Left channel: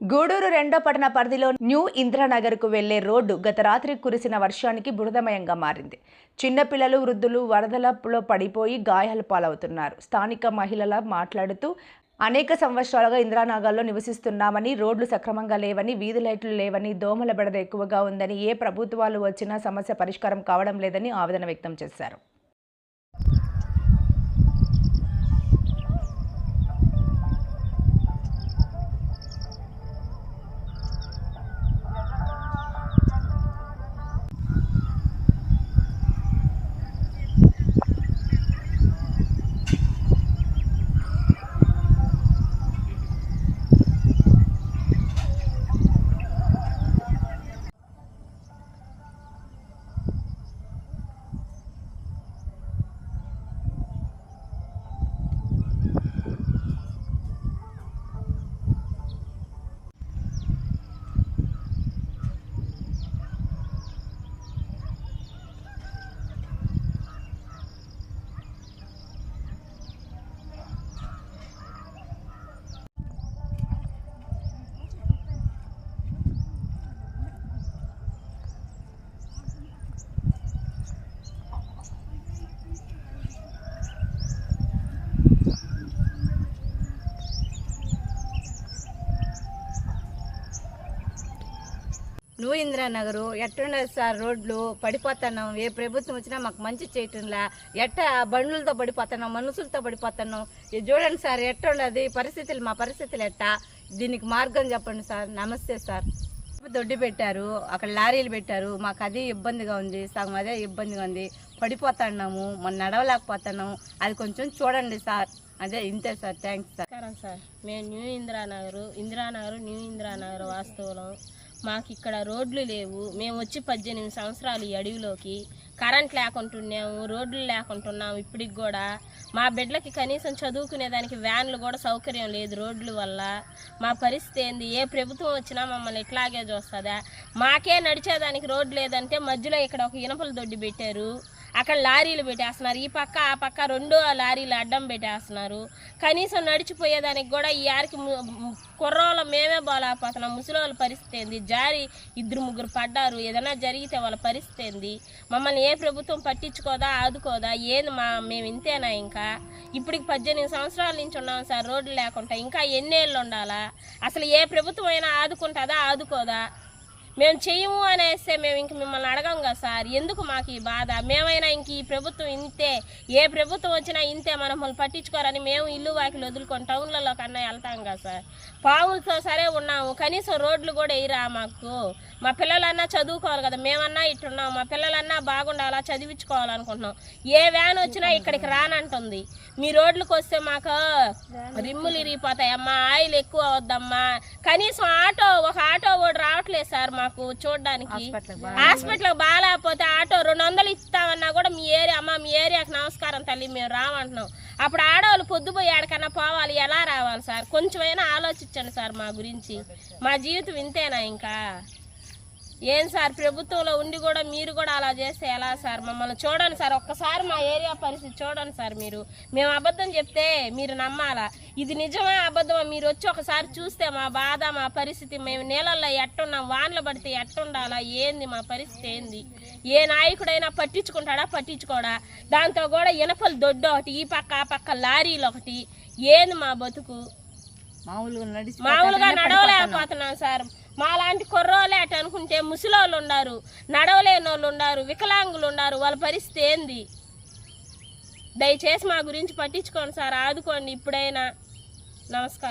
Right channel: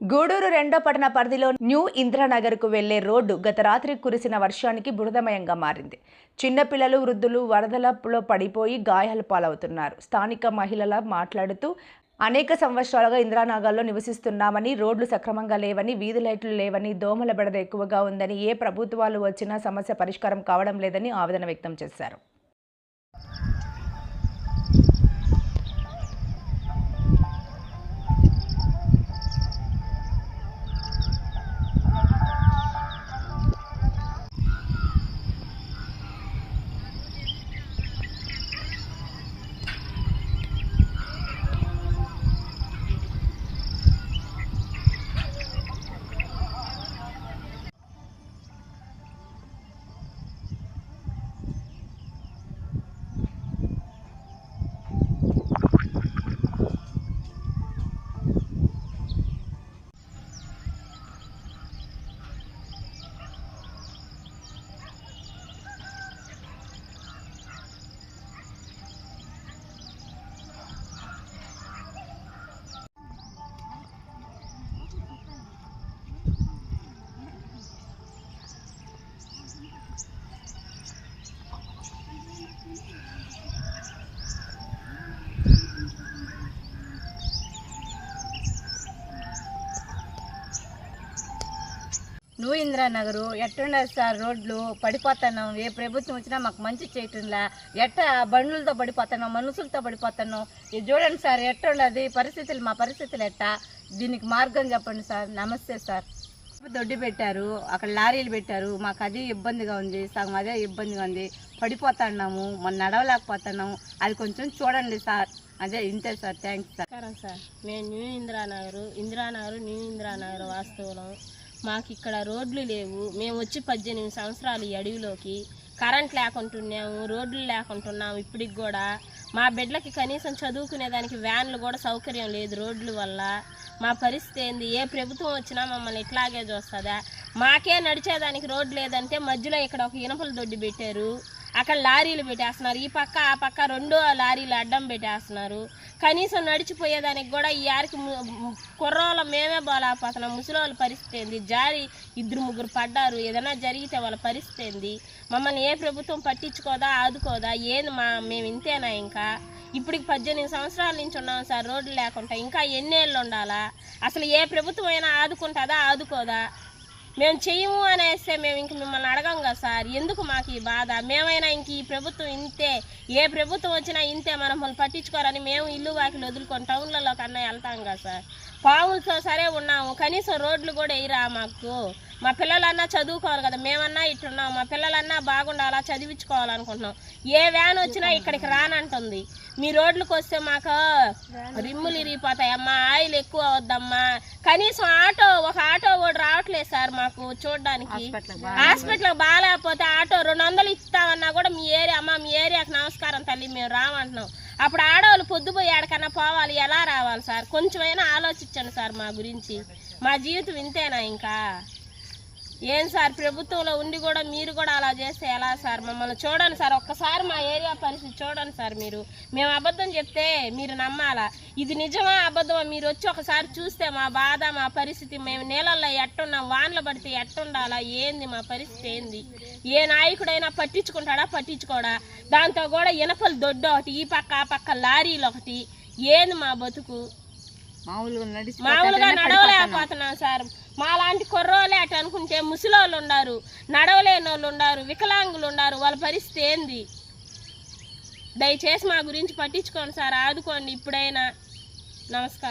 గూడూరు రెండో పట్టణ పరిధిలో న్యూ ఇంద్రానగర్కు వెళ్ళే రోడ్డు గత రాత్రి కురిసిన వర్షానికి బురదమయంగా మారింది. చిన్నపిల్లలు వృద్ధులు వరదలలో పడిపోయి గాయాలు పాలవుతున్నారు. స్థానిక మహిళల మాట్లాడుతూ అనేక సంవత్సరాలుగా ఇంద్రానగర్లో నివసిస్తున్నామని రోడ్లు సక్రమంగా లేవని వీధి లైట్లు లేవని దోమల బెడద ఎక్కువగా ఉందని ఏ ప్రభుత్వాలు వచ్చినా సమస్య పరిష్కారం కావడం లేదని ఆవేదన వ్యక్తం చేశారు. నువ్వు ఇందిరానగరు ఎట్టుండదు సార్ రోడ్లు పడిపోతున్నాం. ఏ ప్రభుత్వం వచ్చినా మాకు మంచి చేయటంలా. ఎట్ట బండ్లతో పడిపోతున్నాం మనుషులతో పడిపోతున్నాం. ఇది చూడండి సార్ ఎట్టున్నది పరిస్థితులు మా పరిస్థితులు ఎట్టా? దీనికి మార్గం చెప్పండి సార్. నమస్తే సార్. దొడ్డి పెట్టారు అక్కడ లారీలు పెట్టారు. మాకు అదే ఇబ్బందిగా ఉంది సగం అదే ఇబ్బందిగా ఉంది. పడిపోతున్నాము మనం నడవలేకపోతున్నాము. అది కొంచెం చూడండి సార్. అదే ఇంతే సార్. Thanks sir. సార్. మేము న్యూ ఇందిరానగర్ ఇందిరానగర్ న్యూ ఇందిరానగర్ వాస్తవులం మాకు ఇక్కడ రోడ్లు లేవు. మేము వచ్చి పద్దెనిమిది సంవత్సరాలు ఈ అడవిలోకి కరెంట్ లేకుంటున్నాము రోడ్లు లేకుంటున్నాము. ఇప్పటికి కూడా మా బిడ్డలకి కనీసం చదువుకునేదానికి వ్యాన్లు కూడా సౌకర్యం లేదు రోడ్ల వల్ల. మా పరిస్థితి ఏంది? ఏ ప్రభుత్వం వచ్చినా మమ్మల్ని ఇట్లాగే చూస్తుందా? మాకే నడిచేదానికి రోడ్డు లేదంటే మధ్యలో ఇక్కడ ఒక ఇనపల దొడ్డి పెట్టారు. అక్కడ లారీలు పెట్టేస్తున్నారు. ఈ పక్క ఆ పక్క రెండో లారీలు అడ్డం పెట్టేస్తున్నారు. కనీసం నడిచిపోయేదానికి కూడా ఈ ఆరికి కుర్రోళ్ళ మేమే బాగాలేకపోతున్నాం ముసలి పరిస్థితి ఏంది? జారి ఇద్దరు ముగ్గురు పడ్డారు. ఏదైనా జరిగితే వాళ్ళ పరిస్థితి ఏంది? మమ్మల్ని ఏ ప్రభుత్వం పట్టించుకోదా ఆదుకోదా? ఏంది మా మేము ఇంతేనా ఇంకా? ఇప్పటికి పద్దెనిమిది సంవత్సరాల నుంచి ఉన్నాం సార్. రోడ్లు లేకుండా ఇంకా ఎన్నేళ్ళు ఉండాలా? అసలు ఏ ప్రభుత్వం అయినా ఆదుకుంటుందా ఆదుకోదా? మేము చెయ్యము అనేస్తే మేము ఇంక మిమ్మల్ని అడగం కదా సార్. ఎందుకు మాకు ఈ బాధ? మేమైనా ఇంక ఈ ప్రభుత్వం ఇంతే ఏ ప్రభుత్వం వచ్చినా ఇంతే మనల్ని పట్టించుకోరని మేము ఇల్లు వాకిలు వదులుకొని టౌన్లలో కన్నా వెళ్తాం కదా సార్. పావులతో సరే ఉన్నాము కనీసం రోడ్లు కూడా వేయరా మాకు? మా పిల్లలన్నా చదువుకోవాలి కదా మేమన్నా ఇట్టున్నాం మా పిల్లలన్నా బాగుండాలా చదివించుకోవాలనుకుంటున్నాం. ఏ వ్యాన్ వచ్చినా ఇక్కడికి రానంటుంది. మీ రోడ్లకు వస్తే మాకు రిమ్ములు ఇరిగిపోతాయమ్మా ఆయిల్ ఎక్కువ అవద్దమ్మా కనీసం ఆటో ఒక ఆటో కూడా రావట్లేదు సార్ మాకు చూడడానికి. హాస్పిటల్ బాగాలేకపోతే ఆటో రెండు వందలు ఇస్తామన్నా కూడా మీ ఏరియా అమ్మ మీ ఏరియాకి నమస్కారం తల్లి మేము రామంటున్నాం. అప్పుడు ఆడవాళ్ళు పొద్దుపోయి ఆడకన్నా పోవాలి ఎలా రావాలి సార్? కొంచెమైనా ఆలోచించండి సార్ మా గురించి. మా జీవితం ఇంతేనా ఇంకా? ఏం సార్? ప్రభుత్వంలో ఉండి కూడా మీరు కూడా అలా చేస్తే ఎలా సార్? మమ్మల్ని చూడండి సార్. ఒక్కసారి మా ఏరియా పరిస్థితి చూడండి సార్ మీరు. మేము అబద్ధం చెప్తే మీరు నమ్మాలా? ఇది నిజమా అబద్ధమా? మీరు వచ్చి ఒకసారి చూస్తే మా బాధ మా పరిస్థితి మేము నీళ్ళల్లో ఎట్టున్నాం వానలు పడితే ఎట్టుండాలా? ఏంది మా పరిస్థితి ఏంది? ఏ నాయకుడైనా పట్టించుకుంటాడా పట్టించుకోడా? దాంతో కూడా ఇనపలు దొడ్డు ఒకటి ఈ పక్క ఆ పక్క లారీలు ఒకటి. ఏంది మా బతుకు? మామూలుగా నడవలేకపోతున్నాం సార్. మాలాంటి కుర్రోలే అటు అనుకుంటే ముసలోళ్ళు ఉన్నారు నడవలేని వాళ్ళు ఉన్నారు వికలాంగులు ఉన్నారు వాళ్ళ పరిస్థితి ఏంది? దయచేసి మా గురించి పట్టించుకోండి సార్ ఆదుకోండి ఇప్పుడైనా. నమస్కారం.